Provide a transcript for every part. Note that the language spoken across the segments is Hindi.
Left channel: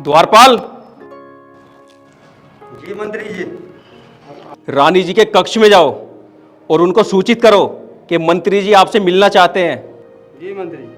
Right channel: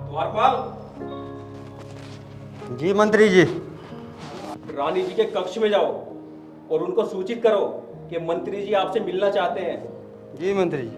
द्वारपाल। जी मंत्री जी। रानी जी के कक्ष में जाओ और उनको सूचित करो कि मंत्री जी आपसे मिलना चाहते हैं। जी मंत्री जी।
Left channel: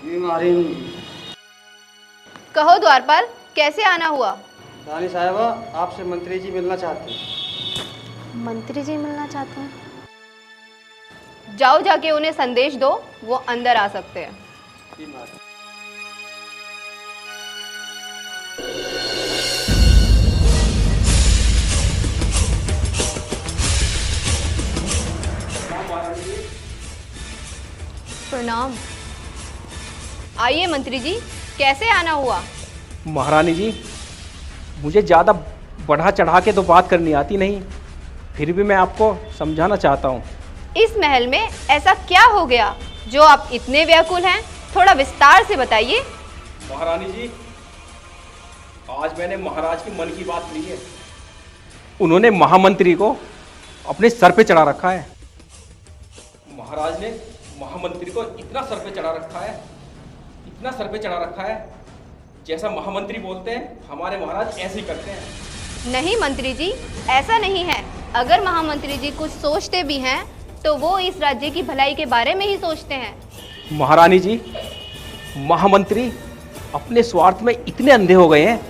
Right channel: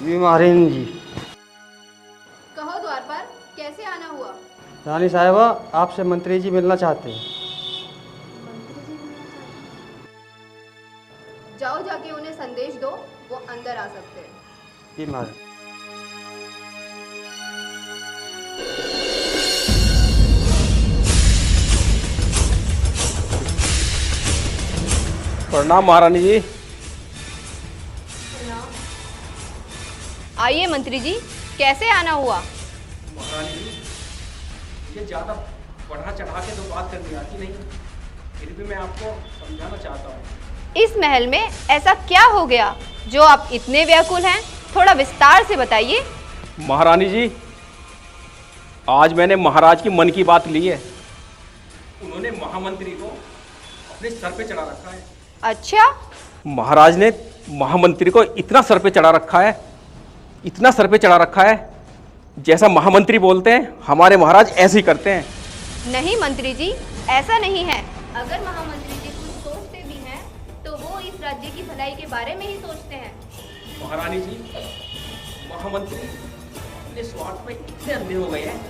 जी महारानी जी। कहो द्वारपाल, कैसे आना हुआ? रानी साहिबा आपसे मंत्री जी मिलना चाहते हैं। मंत्री जी मिलना चाहते हैं? जाओ जाके उन्हें संदेश दो, वो अंदर आ सकते हैं। जी महारानी। प्रणाम महारानी जी। प्रणाम। आइए मंत्री जी, कैसे आना हुआ? महारानी जी, मुझे ज़्यादा बढ़ा चढ़ा के तो बात करनी आती नहीं, फिर भी मैं आपको समझाना चाहता हूँ। इस महल में ऐसा क्या हो गया जो आप इतने व्याकुल हैं? थोड़ा विस्तार से बताइए। महारानी जी, आज मैंने महाराज की मन की बात ली है। उन्होंने महामंत्री को अपने सर पे चढ़ा रखा है। अच्छा? महाराज ने महामंत्री को इतना सर पे चढ़ा रखा है, इतना सर पे चढ़ा रखा है, जैसा महामंत्री बोलते हैं हमारे महाराज ऐसे ही करते हैं। नहीं मंत्री जी, ऐसा नहीं है। अगर महामंत्री जी कुछ सोचते भी हैं तो वो इस राज्य की भलाई के बारे में ही सोचते हैं। महारानी जी, महामंत्री अपने स्वार्थ में इतने अंधे हो गए हैं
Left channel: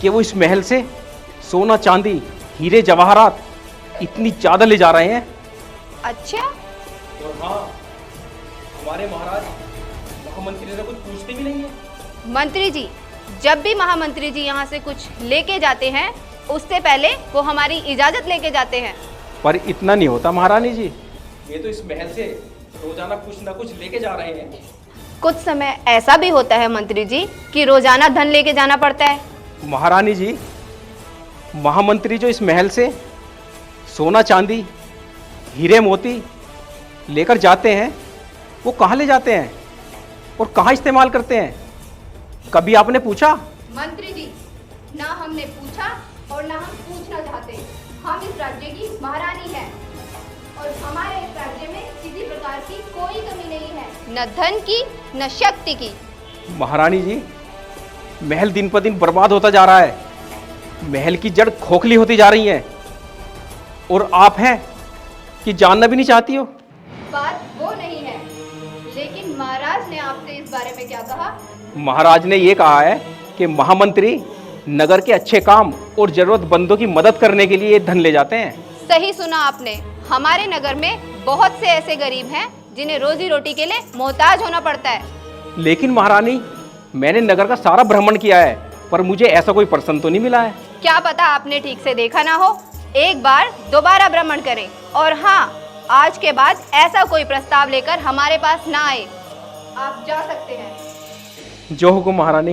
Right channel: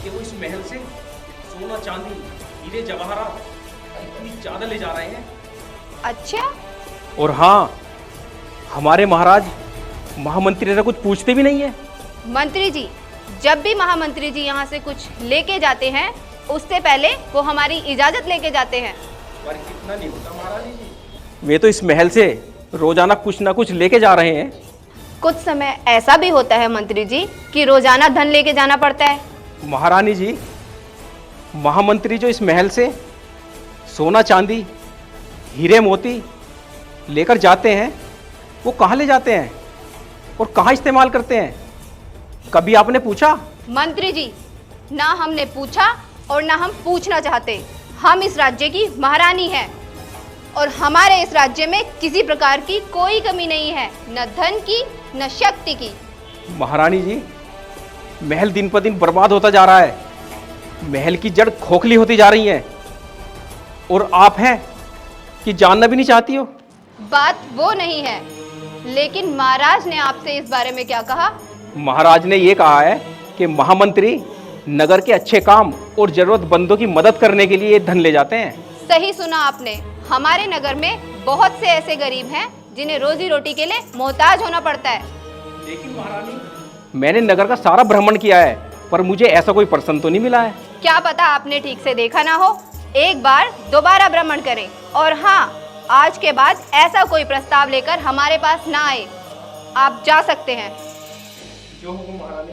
कि वो इस महल से सोना चांदी हीरे जवाहरात इतनी ज़्यादा ले जा रहे हैं। अच्छा? और हाँ, हमारे महाराज महामंत्री से कुछ पूछते भी नहीं है। मंत्री जी, जब भी महामंत्री जी यहाँ से कुछ लेके जाते हैं उससे पहले वो हमारी इजाजत लेके जाते हैं। पर इतना नहीं होता महारानी जी, वे तो इस महल से रोजाना कुछ ना कुछ लेके जा रहे हैं। कुछ समय ऐसा भी होता है मंत्री जी कि रोजाना धन लेके जाना पड़ता है। महारानी जी, महामंत्री जो इस महल से सोना चांदी हीरे मोती लेकर जाते हैं, वो कहाँ ले जाते हैं और कहाँ इस्तेमाल करते हैं? कभी आपने पूछा? मंत्री जी, ना हमने पूछा और ना हम पूछना चाहते। हम इस राज्य की महारानी हैं और हमारे इस राज्य में किसी प्रकार की कोई कमी नहीं है, न धन की न शक्ति की। महारानी जी, महल दिन पर दिन बर्बाद होता जा रहा है, महल की जड़ खोखली होती जा रही है, और आप हैं कि जानना भी नहीं चाहती हो। बात वो नहीं है, लेकिन महाराज ने आपसे इस बारे में क्या कहा? महाराज ने ये कहा है कि महामंत्री नगर के अच्छे काम और जरूरतमंदों की मदद करने के लिए ये धन ले जाते हैं। सही सुना आपने। हमारे नगर में बहुत से ऐसे गरीब हैं जिन्हें रोजी रोटी के लिए मोहताज होना पड़ता है। लेकिन महारानी, मैंने नगर का सारा भ्रमण किया है, पर मुझे ऐसा कोई प्रश्न तो नहीं मिला है। क्या पता आपने ठीक से देखा ना हो। एक बार दोबारा भ्रमण करें, और हाँ, आज के बाद ऐसा कोई प्रस्ताव लेकर हमारे पास ना आए। आप जा सकते हैं। जो हुकुम महारानी।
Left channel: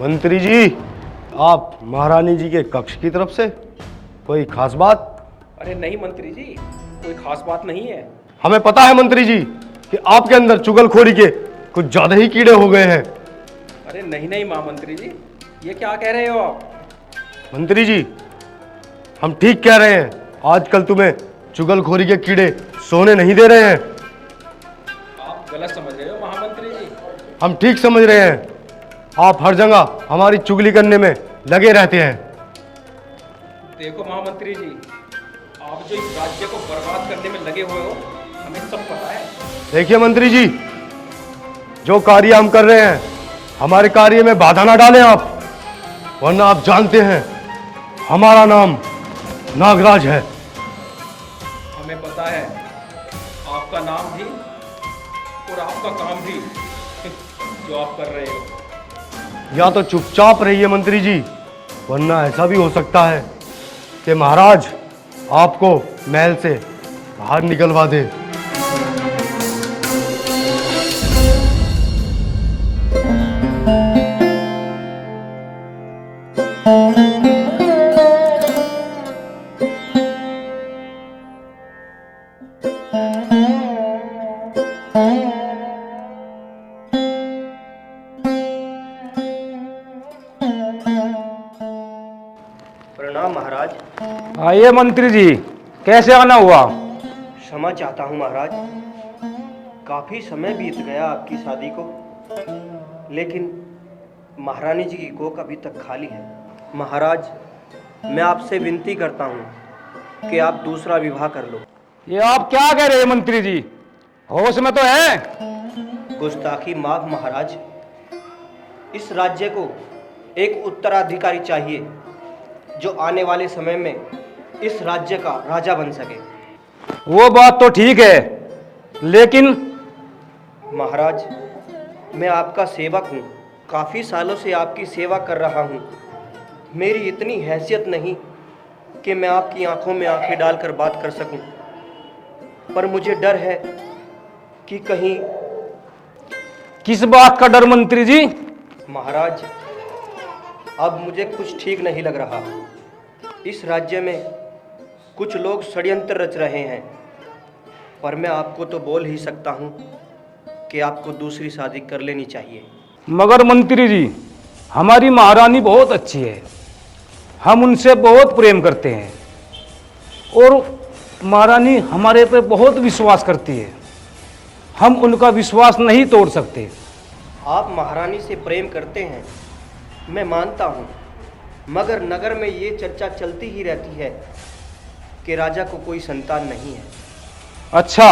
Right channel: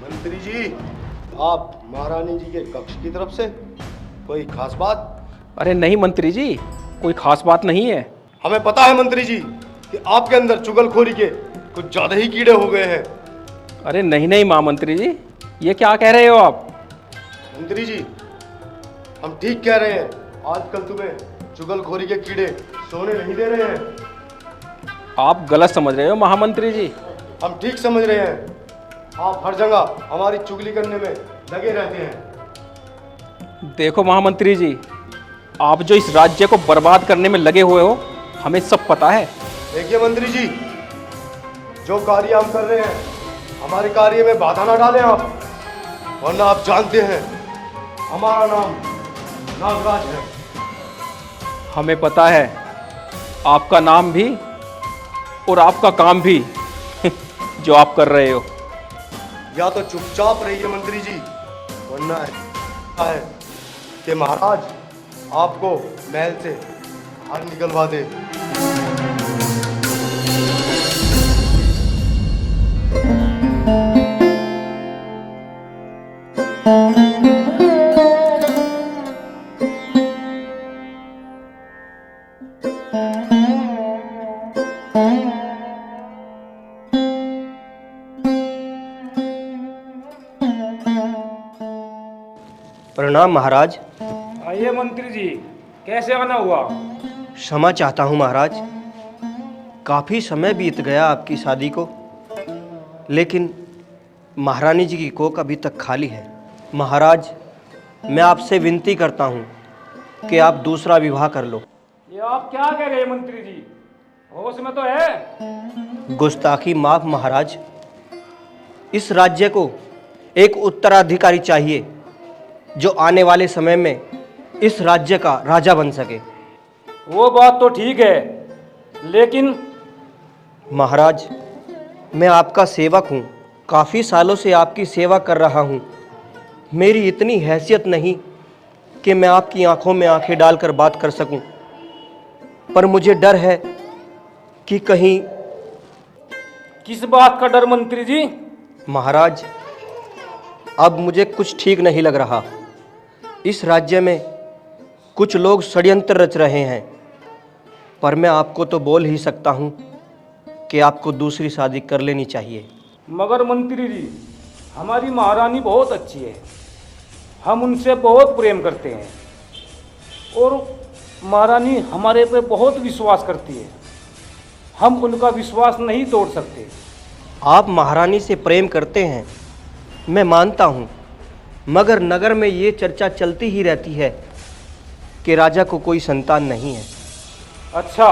मंत्री जी, आप महारानी जी के कक्ष की तरफ से? कोई खास बात? अरे नहीं मंत्री जी, कोई खास बात नहीं है। हमें पता है मंत्री जी कि आपके अंदर चुगलखोरी के कुछ ज्यादा ही कीड़े हो गए हैं। अरे नहीं नहीं महामंत्री जी, ये क्या कह रहे हो आप? मंत्री जी, हम ठीक कह रहे हैं। आजकल तुम्हें चुगलखोरी के कीड़े सोने नहीं दे रहे हैं। आप गलत समझ रहे हो महामंत्री जी। हम ठीक समझ रहे हैं। आप हर जगह हमारी चुगली करने में लगे रहते हैं। देखो महामंत्री जी, आप जो इस राज्य को बर्बाद करने में लगे हुए हो, हमें सब पता है। देखिए मंत्री जी, जो कार्य हम कर रहे हैं, हमारे कार्य में बाधा ना डालें आप, वरना आप जानते हैं हमारा नाम नागराज है। हमें पता है आपका नाम भी और आपका काम भी जो आप कर रहे हो। या तो चुपचाप रहिए मंत्री जी, वरना ऐसा भी हो सकता है कि महाराज आपको महल से बाहर निकलवा दे। प्रणाम महाराज। आइए मंत्री जी, कैसे आना हुआ? क्षमा चाहता हूँ महाराज, काफी समय बीत गया आपकी शादी को, लेकिन महारानी जी की कोख अभी तक खाली है। महाराज, मैं आपसे विनती करता हूँ कि आप दूसरा विवाह कर लो। ये आप क्या कह रहे हैं मंत्री जी? होश में तो है? गुस्ताखी माफ महाराज, इस राज्य को एक उत्तराधिकारी चाहिए जो आने वाले समय में इस राज्य का राजा बन सके। वो बात तो ठीक है, लेकिन महाराज, मैं आपका सेवक हूँ, काफ़ी सालों से आपकी सेवा कर रहा हूँ। मेरी इतनी हैसियत नहीं कि मैं आपकी आंखों में आंखें डालकर बात कर सकूं, पर मुझे डर है कि कहीं। किस बात का डर मंत्री जी? महाराज, अब मुझे कुछ ठीक नहीं लग रहा। इस राज्य में कुछ लोग षड्यंत्र रच रहे हैं, पर मैं आपको तो बोल ही सकता हूँ कि आपको दूसरी शादी कर लेनी चाहिए। मगर मंत्री जी, हमारी महारानी बहुत अच्छी है, हम उनसे बहुत प्रेम करते हैं और महारानी हमारे पे बहुत विश्वास करती है, हम उनका विश्वास नहीं तोड़ सकते। आप महारानी से प्रेम करते हैं, मैं मानता हूँ, मगर नगर में ये चर्चा चलती ही रहती है कि राजा को कोई संतान नहीं है। अच्छा?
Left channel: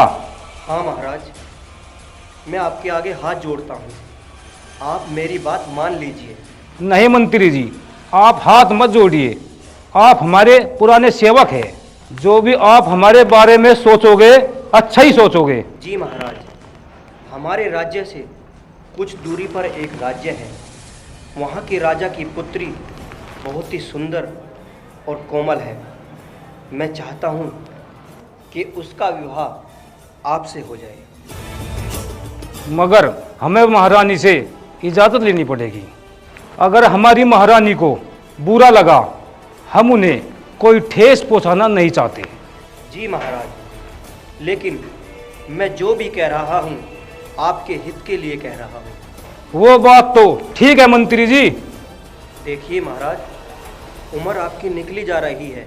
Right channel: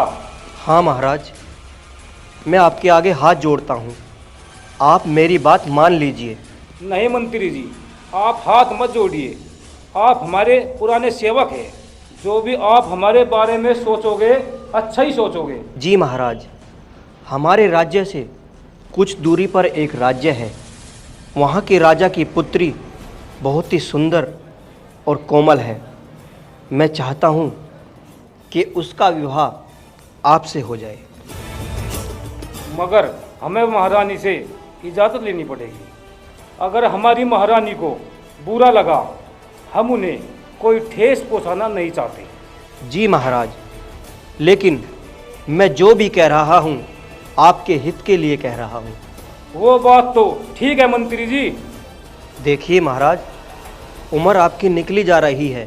हाँ महाराज, मैं आपके आगे हाथ जोड़ता हूँ, आप मेरी बात मान लीजिए। नहीं मंत्री जी, आप हाथ मत जोड़िए, आप हमारे पुराने सेवक हैं, जो भी आप हमारे बारे में सोचोगे अच्छा ही सोचोगे। जी महाराज, हमारे राज्य से कुछ दूरी पर एक राज्य है, वहाँ के राजा की पुत्री बहुत ही सुंदर और कोमल है। मैं चाहता हूँ कि उसका विवाह आपसे हो जाए। मगर हमें महारानी से इजाज़त लेनी पड़ेगी। अगर हमारी महारानी को बुरा लगा, हम उन्हें कोई ठेस पहुंचाना नहीं चाहते। जी महाराज, लेकिन मैं जो भी कह रहा हूँ आपके हित के लिए कह रहा हूँ। वो बात तो ठीक है मंत्री जी। देखिए महाराज, उम्र आपकी निकली जा रही है,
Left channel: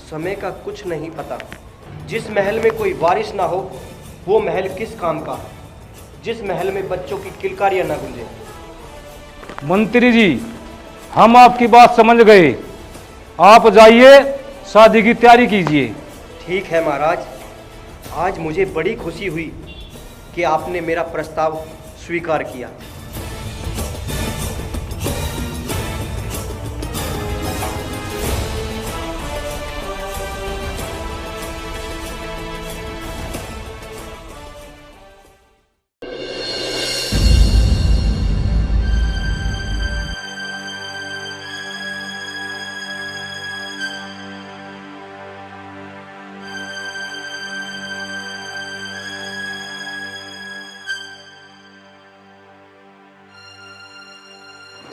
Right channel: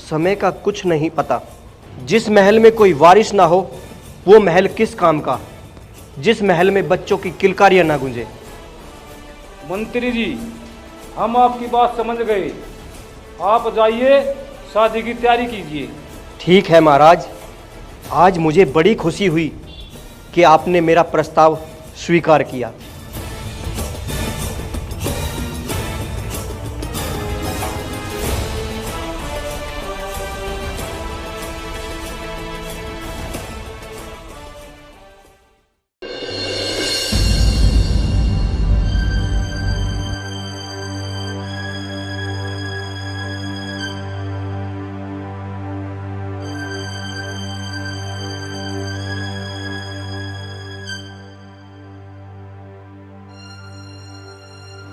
समय का कुछ नहीं पता। जिस महल में कोई वारिस ना हो वो महल किस काम का, जिस महल में बच्चों की किलकारियां ना गूंजे। मंत्री जी, हम आपकी बात समझ गए, आप जाइए, शादी की तैयारी कीजिए। ठीक है महाराज, आज मुझे बड़ी खुशी हुई कि आपने मेरा प्रस्ताव स्वीकार किया।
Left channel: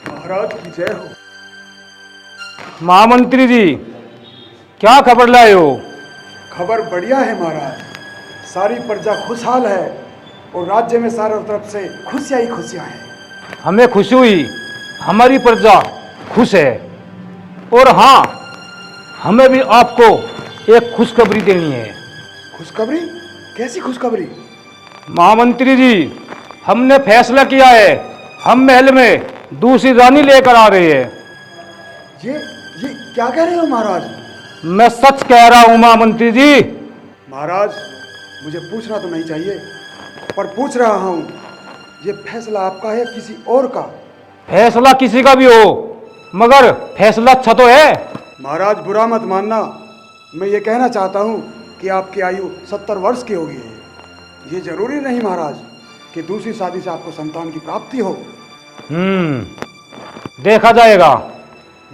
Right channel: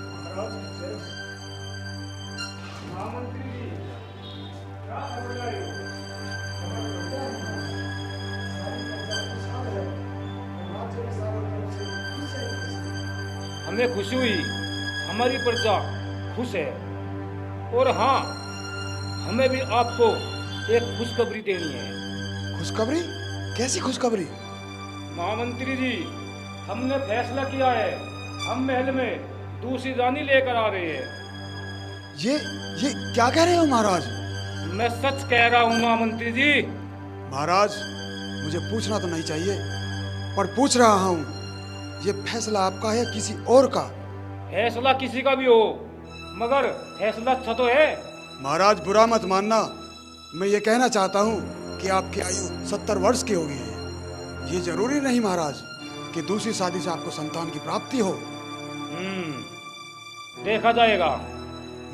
महाराज की जय हो। महामंत्री जी, क्या खबर लाए हो? खबर बढ़िया है महाराज, सारी प्रजा खुशहाल है और राज्य में चारों तरफ से खुशियां ही खुशियां हैं। हमें खुशी हुई, हमारी प्रजा खुश है। और हाँ, हमें भी आपको एक खुशखबरी देनी है। खुशखबरी? कैसी खुशखबरी? महामंत्री जी, हमने फैसला किया है, हम महल में दूसरी रानी लेकर आ रहे हैं। ये क्या कह रहे हो महाराज? मैं सच कह रहा हूं महामंत्री जी। महाराज, मुझे पूछना तो नहीं चाहिए, पर पूछ रहा हूँ, ये फैसला आपका है किसी और का? फैसला किसी का भी हो, मगर फैसला अच्छा तो है। महाराज बुरा मत मानना, मैं ये कहना चाहता हूँ कि आपकी आयु 70 वर्ष की हो गई है। ये जरूरी नहीं महाराज कि दूसरी शादी से आपको संतान की प्राप्ति हो। देखा जाएगा।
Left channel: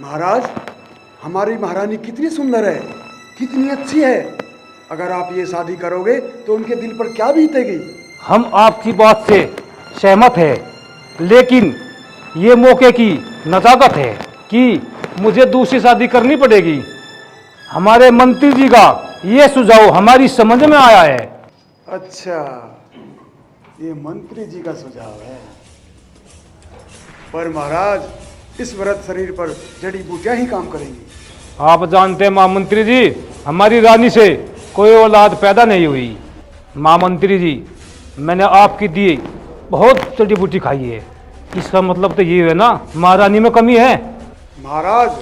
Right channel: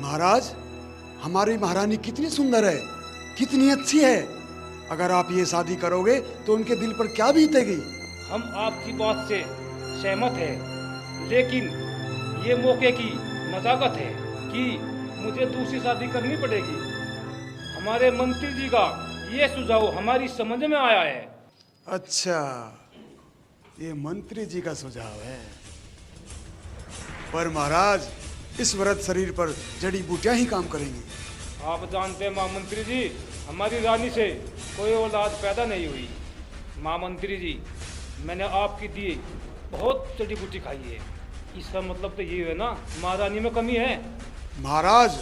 महाराज, हमारी महारानी कितनी सुंदर है, कितनी अच्छी है। अगर आप ये शादी करोगे तो उनके दिल पर क्या बीतेगी। हम आपकी बात से सहमत है, लेकिन ये मौके की नजाकत है कि मुझे दूसरी शादी करनी पड़ेगी। हमारे मंत्री जी का ये सुझाव हमारी समझ में आया है। अच्छा, ये मंत्री जी का सुझाव है। पर महाराज, इस व्रत शरीर पर जड़ी बूटियां ही काम करेंगी। आप जानते हैं महामंत्री जी, हमारी रानी से कोई औलाद पैदा नहीं हुई। महामंत्री जी, मैंने आपकी दी बहुत जड़ी बूटी खाई है। इसका मतलब तो ये है ना, महारानी में कमी है। महाराज,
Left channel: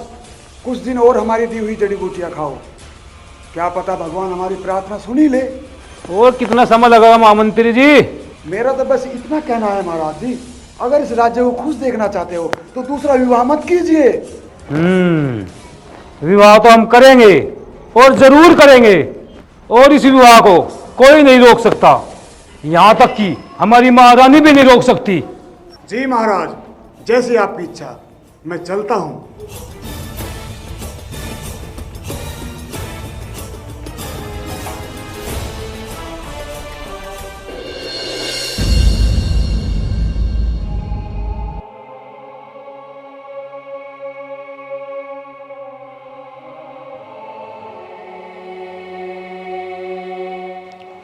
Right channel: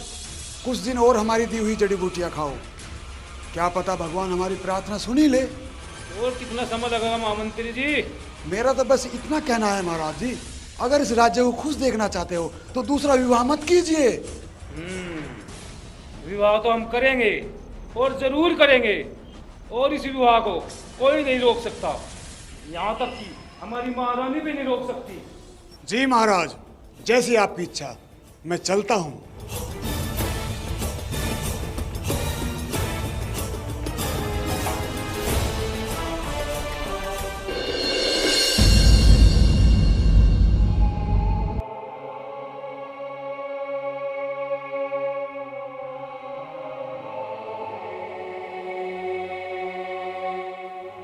कुछ दिन और हमारी दी हुई जड़ी बूटियां खाओ, क्या पता भगवान हमारी प्रार्थना सुन ही ले। और कितना समय लगेगा महामंत्री जी? मेरा तो बस इतना कहना है महाराज जी, अगर इस राज्य को खुश देखना चाहते हो तो दूसरा विवाह मत कीजिए। विवाह तो हम करेंगे और जरूर करेंगे, और इस विवाह को कोई नहीं रोक सकता, यहाँ तक कि हमारी महारानी भी नहीं रोक सकती। जी महाराज, जैसी आपकी इच्छा। मैं चलता हूँ।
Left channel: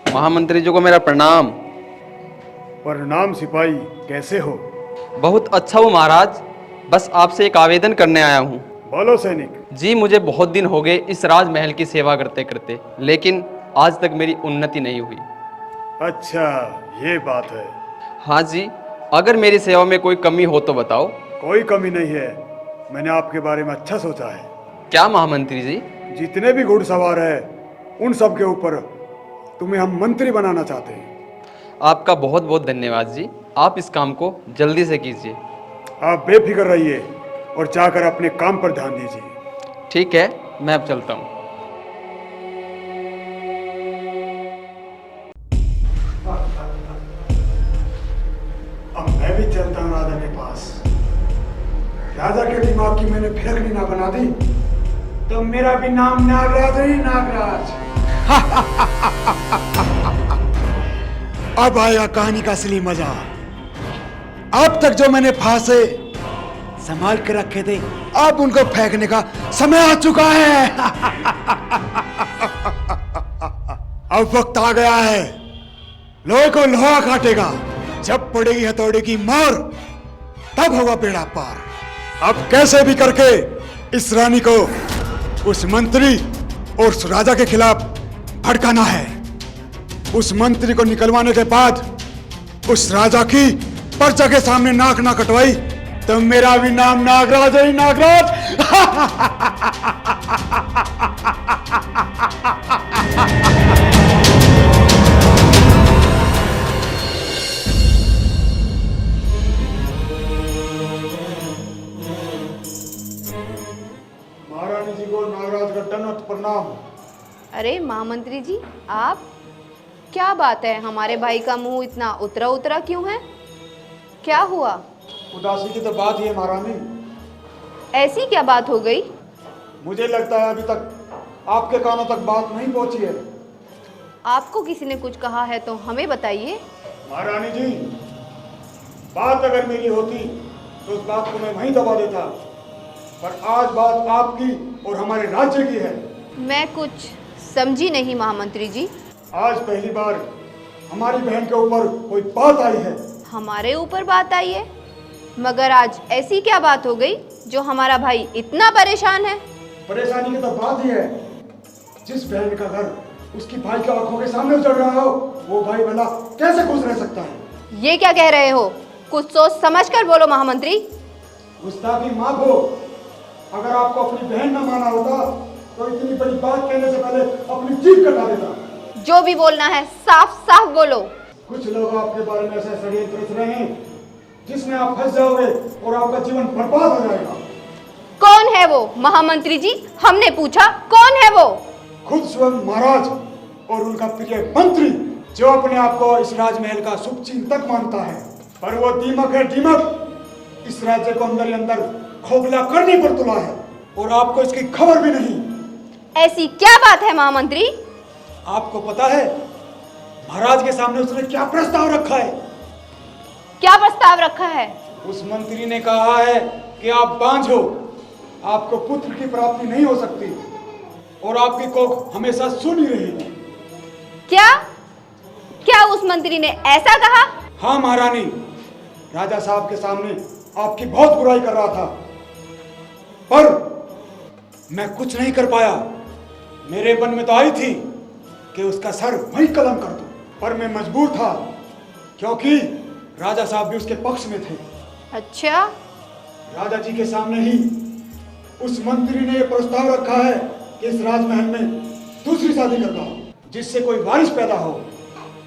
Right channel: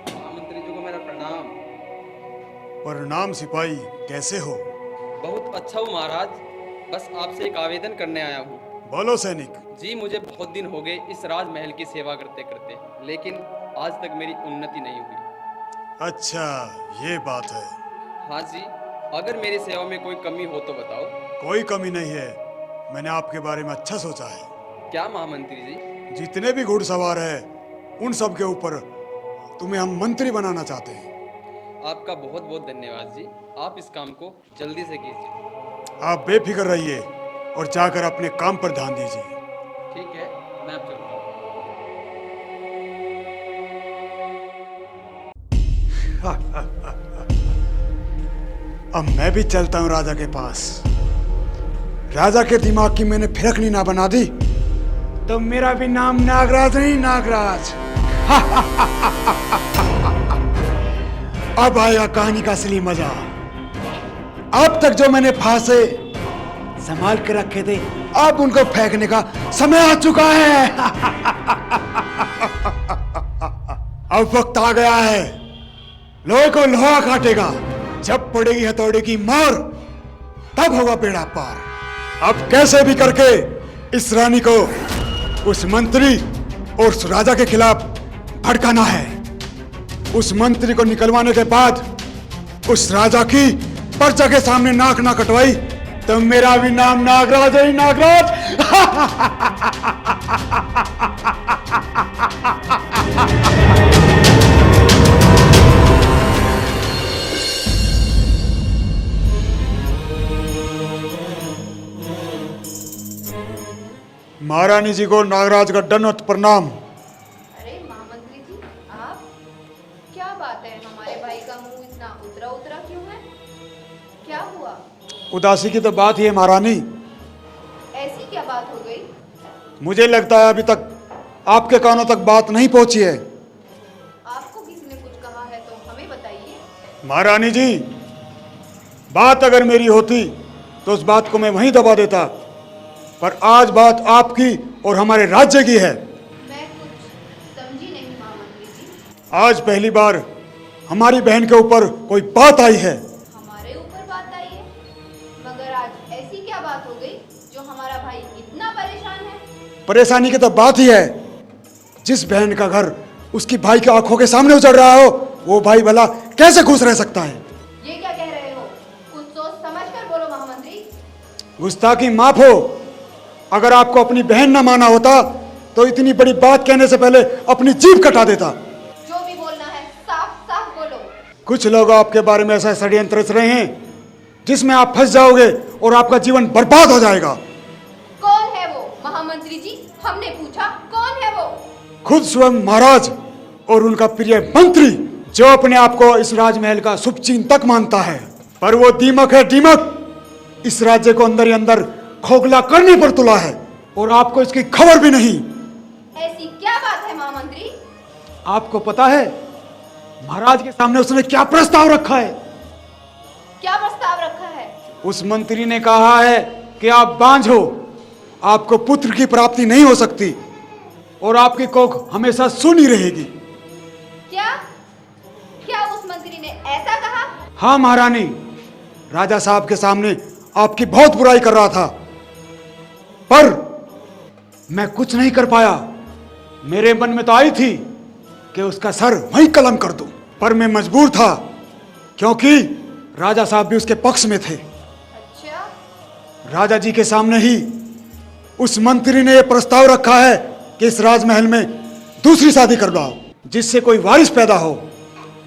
महामंत्री जी को मेरा प्रणाम। प्रणाम सिपाही, कैसे हो? बहुत अच्छा हूँ महाराज, बस आपसे एक आवेदन करने आया हूँ। बोलो सैनिक। जी, मुझे बहुत दिन हो गए इस राजमहल की सेवा करते करते, लेकिन आज तक मेरी उन्नति नहीं हुई। अच्छा, ये बात है। हाँ जी, अगर मेरी सेवा में कोई कमी हो तो बताओ। कोई कमी नहीं है, मैंने आपके बारे में अच्छा सोचा है। क्या महामंत्री जी? जितने भी घुड़सवार हैं, उन सब के ऊपर तुम्हें हम मंत्री बनाना चाहते हैं। आपका बहुत बहुत धन्यवाद जी, आप इस काम को जल्दी से कीजिए। आप बेफिक्र रहिए और जाकर अपने काम पर ध्यान दीजिए। ठीक है, मैं अब चलता हूँ। अब मैं भी चलता हूँ राजा के पास। राजा के दिमाग की मैंने फिरकनी ना बना दी तो मेरा भी नाम नागराज नहीं, नागराज। अब आएगा कहानी का असली मजा। अब तक जो मैंने फांसे संभाल के रखे थे, अब उनको फेंकने का समय आ चुका है। अब वक्त आ गया है, लोहे को लोहा काटेगा। जब पड़ेगी हथौड़े की मार, तब होगा बेड़ा पार। अब कैसे भी करके इस रानी को उस मंत्री और उस राजा के खिलाफ भड़काना है। उस मंत्री को निकलवाने के बाद उस राजा की प्रजा के सामने नाक ना कटवाई तो मेरा भी नाम नागराज है, नागराज। महारानी जी को नागराज का दंडवत प्रणाम। अरे महामंत्री जी, आप, क्या बात है, हमारे भाई का मुंह इतना उतरा उतरा क्यों है? क्या हुआ? उदासी की तो बात ही है महारानी। ऐसी क्या बात हो गई? मुझे लगता है अभी तक आपके कानों तक बात नहीं पहुंची है। आपको किसी ने कुछ कहा है तो हमें बताइए। महारानी जी, बात अगर मेरी होती तो उस बात को मैं वहीं दबा देता, पर आज बात आपकी और हमारे राज्य की है। मैं कुछ समझी नहीं महामंत्री जी। आज पहली बार हमारी बहन के ऊपर कोई बात आई है। हमारे ऊपर बात आई है? मगर आज ऐसी क्या बात हो गई जो हमारा भाई इतना परेशान है? परेशानी की तो बात ही है, जिस बहन का घर उसकी भाई की आंखों के सामने उजड़ रहा हो, वो भाई भला कैसे खुश रह सकता है? ये क्या कह रहे हो? कुछ सोच समझ कर बोलो महामंत्री। गुस्ताखी माफ हो। अगर आपको अपनी बहन न माना होता तो इतनी बड़ी बात कहने से पहले अपनी जीभ कटा देता। जो भी बोलना है साफ साफ बोलो। कुछ लोग आपके बारे में ऐसा षड्यंत्र रच रहे हैं जिसमें आप फंस जाओगे और आपका जीवन बर्बाद हो जाएगा। कौन है वो महामंत्री जी? हमने पूछा कौन है वो? खुद स्वयं महाराज और उनका प्रिय मंत्री, जो अपने आप को इस राजमहल का शुभचिंतक मानता है, पर वो दीमक है, दीमक। इस राज्य को अंदर ही अंदर खोखला करने पर तुला है और आपको इसकी खबर भी नहीं। ऐसी क्या बात है महामंत्री? आपको पता है महाराज के सामने उसने क्या प्रस्ताव रखा है? क्या प्रस्ताव रखा है? उस मंत्री ने कहा है कि आप बांझ हो, आपको पुत्र की प्राप्ति नहीं हो सकती और आपकी कोख हमेशा सूनी रहेगी। क्या क्या उस मंत्री ने ऐसा कहा? हाँ महारानी, राजा साहब के सामने आपकी बहुत बुराई कर रहा था, पर मैं कुछ नहीं कर पाया। मेरे मन में तो आई थी कि उसका सर वहीं कलम कर दूं, पर मैं मजबूर था क्योंकि राजा साहब भी उसके पक्ष में थे। अच्छा, राजा जी के सामने ही उस मंत्री ने यह प्रस्ताव रखा है कि इस राजमहल में दूसरी शादी करवाओ जिससे कोई वारिस पैदा हो,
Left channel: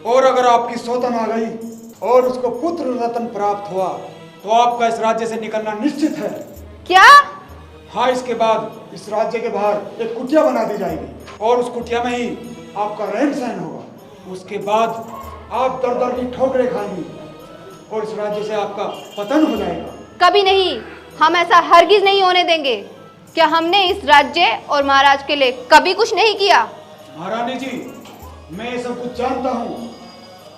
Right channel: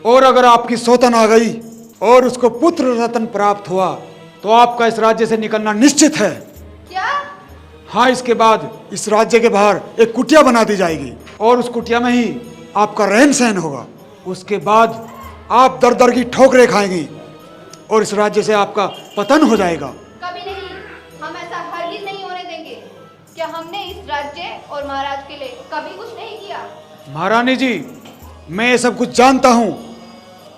और अगर आपकी सौतन आ गई और उसको पुत्र रत्न प्राप्त हुआ तो आपका इस राज्य से निकलना निश्चित है। क्या? हाँ, इसके बाद इस राज्य के बाहर एक कुटिया बना दी जाएगी और उस कुटिया में ही आपका रहन सहन होगा। उसके बाद आप दर दर की ठोकरें खाएंगी और इस राज्य से आपका पतन हो जाएगा। कभी नहीं, हम ऐसा हरगिज नहीं होने देंगे। क्या हमने इस राज्य और महाराज के लिए कभी कुछ नहीं किया? महारानी जी, मैं ये सब कुछ जानता हूँ।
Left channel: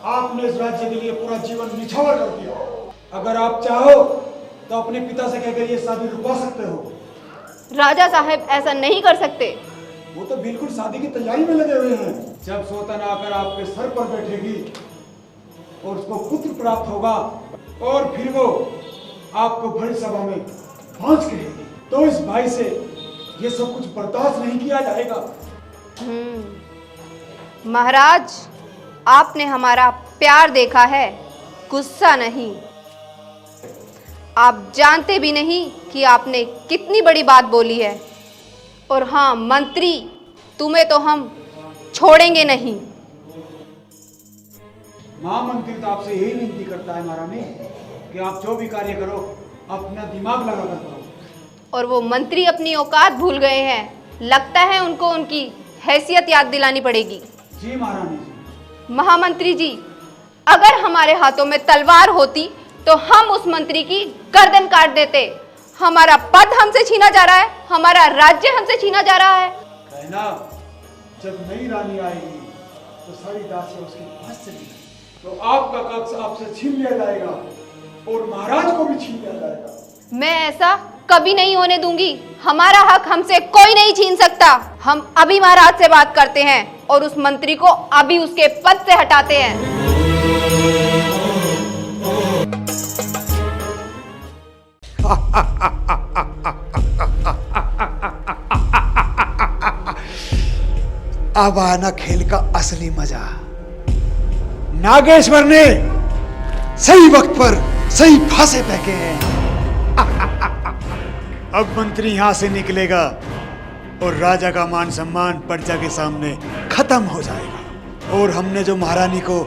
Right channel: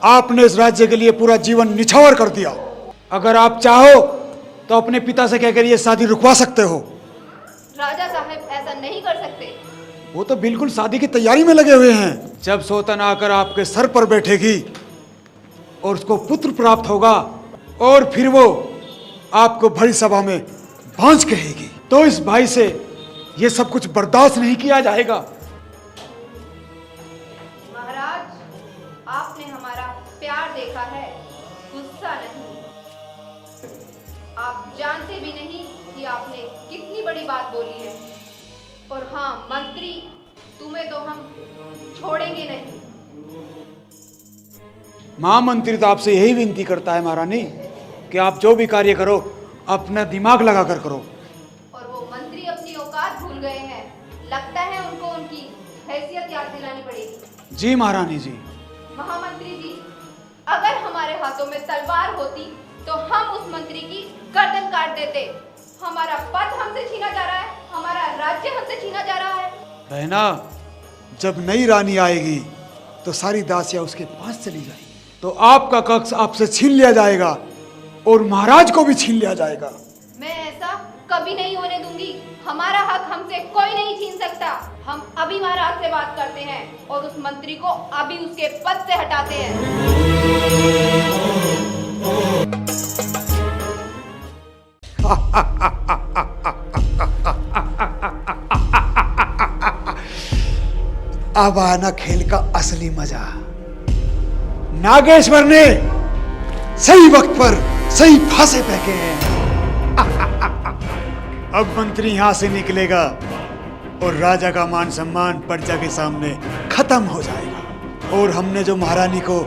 आपने इस राज्य के लिए पूरा जीवन निछावर कर दिया। अगर आप चाहो तो अपने पिता से कहकर ये शादी रुकवा सकते हो। राजा साहब ऐसा नहीं कर सकते। वो तो बिल्कुल शादी की तैयारी में लगे हुए हैं। जब सौतन आकर आपके सर पर बैठेगी और उसको पुत्र प्राप्त होगा और फिर वो आपको बड़ी सभा में भांज कहेगी, तो इस भाई से ये सब कुछ बर्दाश्त नहीं किया जाएगा। महाराज, आपने हमारा प्यार देखा है, गुस्सा नहीं। आप जानते भी नहीं कि आपने कितनी बड़ी बात बोली है। और हाँ मंत्री, तुम्हें तो हम छोड़ेंगे नहीं। महामंत्री तो आपसे यही विनती करता है महारानी कि आप जो भी कार्य करो अपना दिमाग लगाकर करो। और वो मंत्री अपनी औकात भूल गए हैं। लगता है उनको उनकी हैसियत याद दिलानी पड़ेगी। जी महारानी जी। महामंत्री जी, अगर हमारे हाथों में तलवार होती तो हम उस मंत्री की गर्दन काट देते। हमारा पद हमसे छीना जा रहा है, हमारा राज्य हमसे छीना जा रहा है। कहना, जब नई रानी आएगी तो सारी दासियां उसके पास चली जाएगी, तो आपका कक्ष आपसे छीन लिया जाएगा और महाराज को भी छीन लिया जाएगा। मैं ऐसा कभी नहीं होने दूंगी। हमारा हक हमसे कोई नहीं छीन सकता। हम अभी महाराज से बात करते हैं और उस मंत्री को अभी उसके पद से हटाते हैं। अब आना खेल का असली मजा। नागेश्वर ने सही वक्त पर सही फांसे फेंके हैं। अब मंत्री यहां से निकलेगा और राजा का मान सम्मान प्रजा के सामने खत्म हो जाएगा और हमने जो महारानी को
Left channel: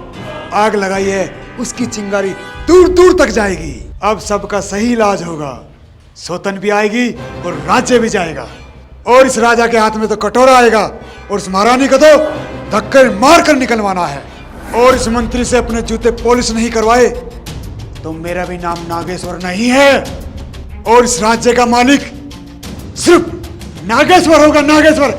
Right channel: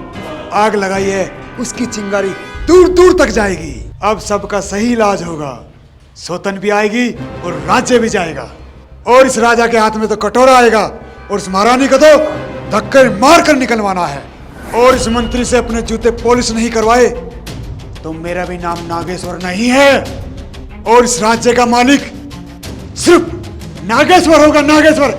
आग लगाई है उसकी चिंगारी दूर दूर तक जाएगी। अब सबका सही इलाज होगा। सौतन भी आएगी और राज्य भी जाएगा और इस राजा के हाथ में तो कटोरा आएगा और इस महारानी को तो धक्के मार कर निकलवाना है। और इस मंत्री से अपने जूते पॉलिश नहीं करवाए तो मेरा भी नाम नागेश्वर नहीं है और इस राज्य का मालिक सिर्फ नागेश्वर होगा। नागेश्वर।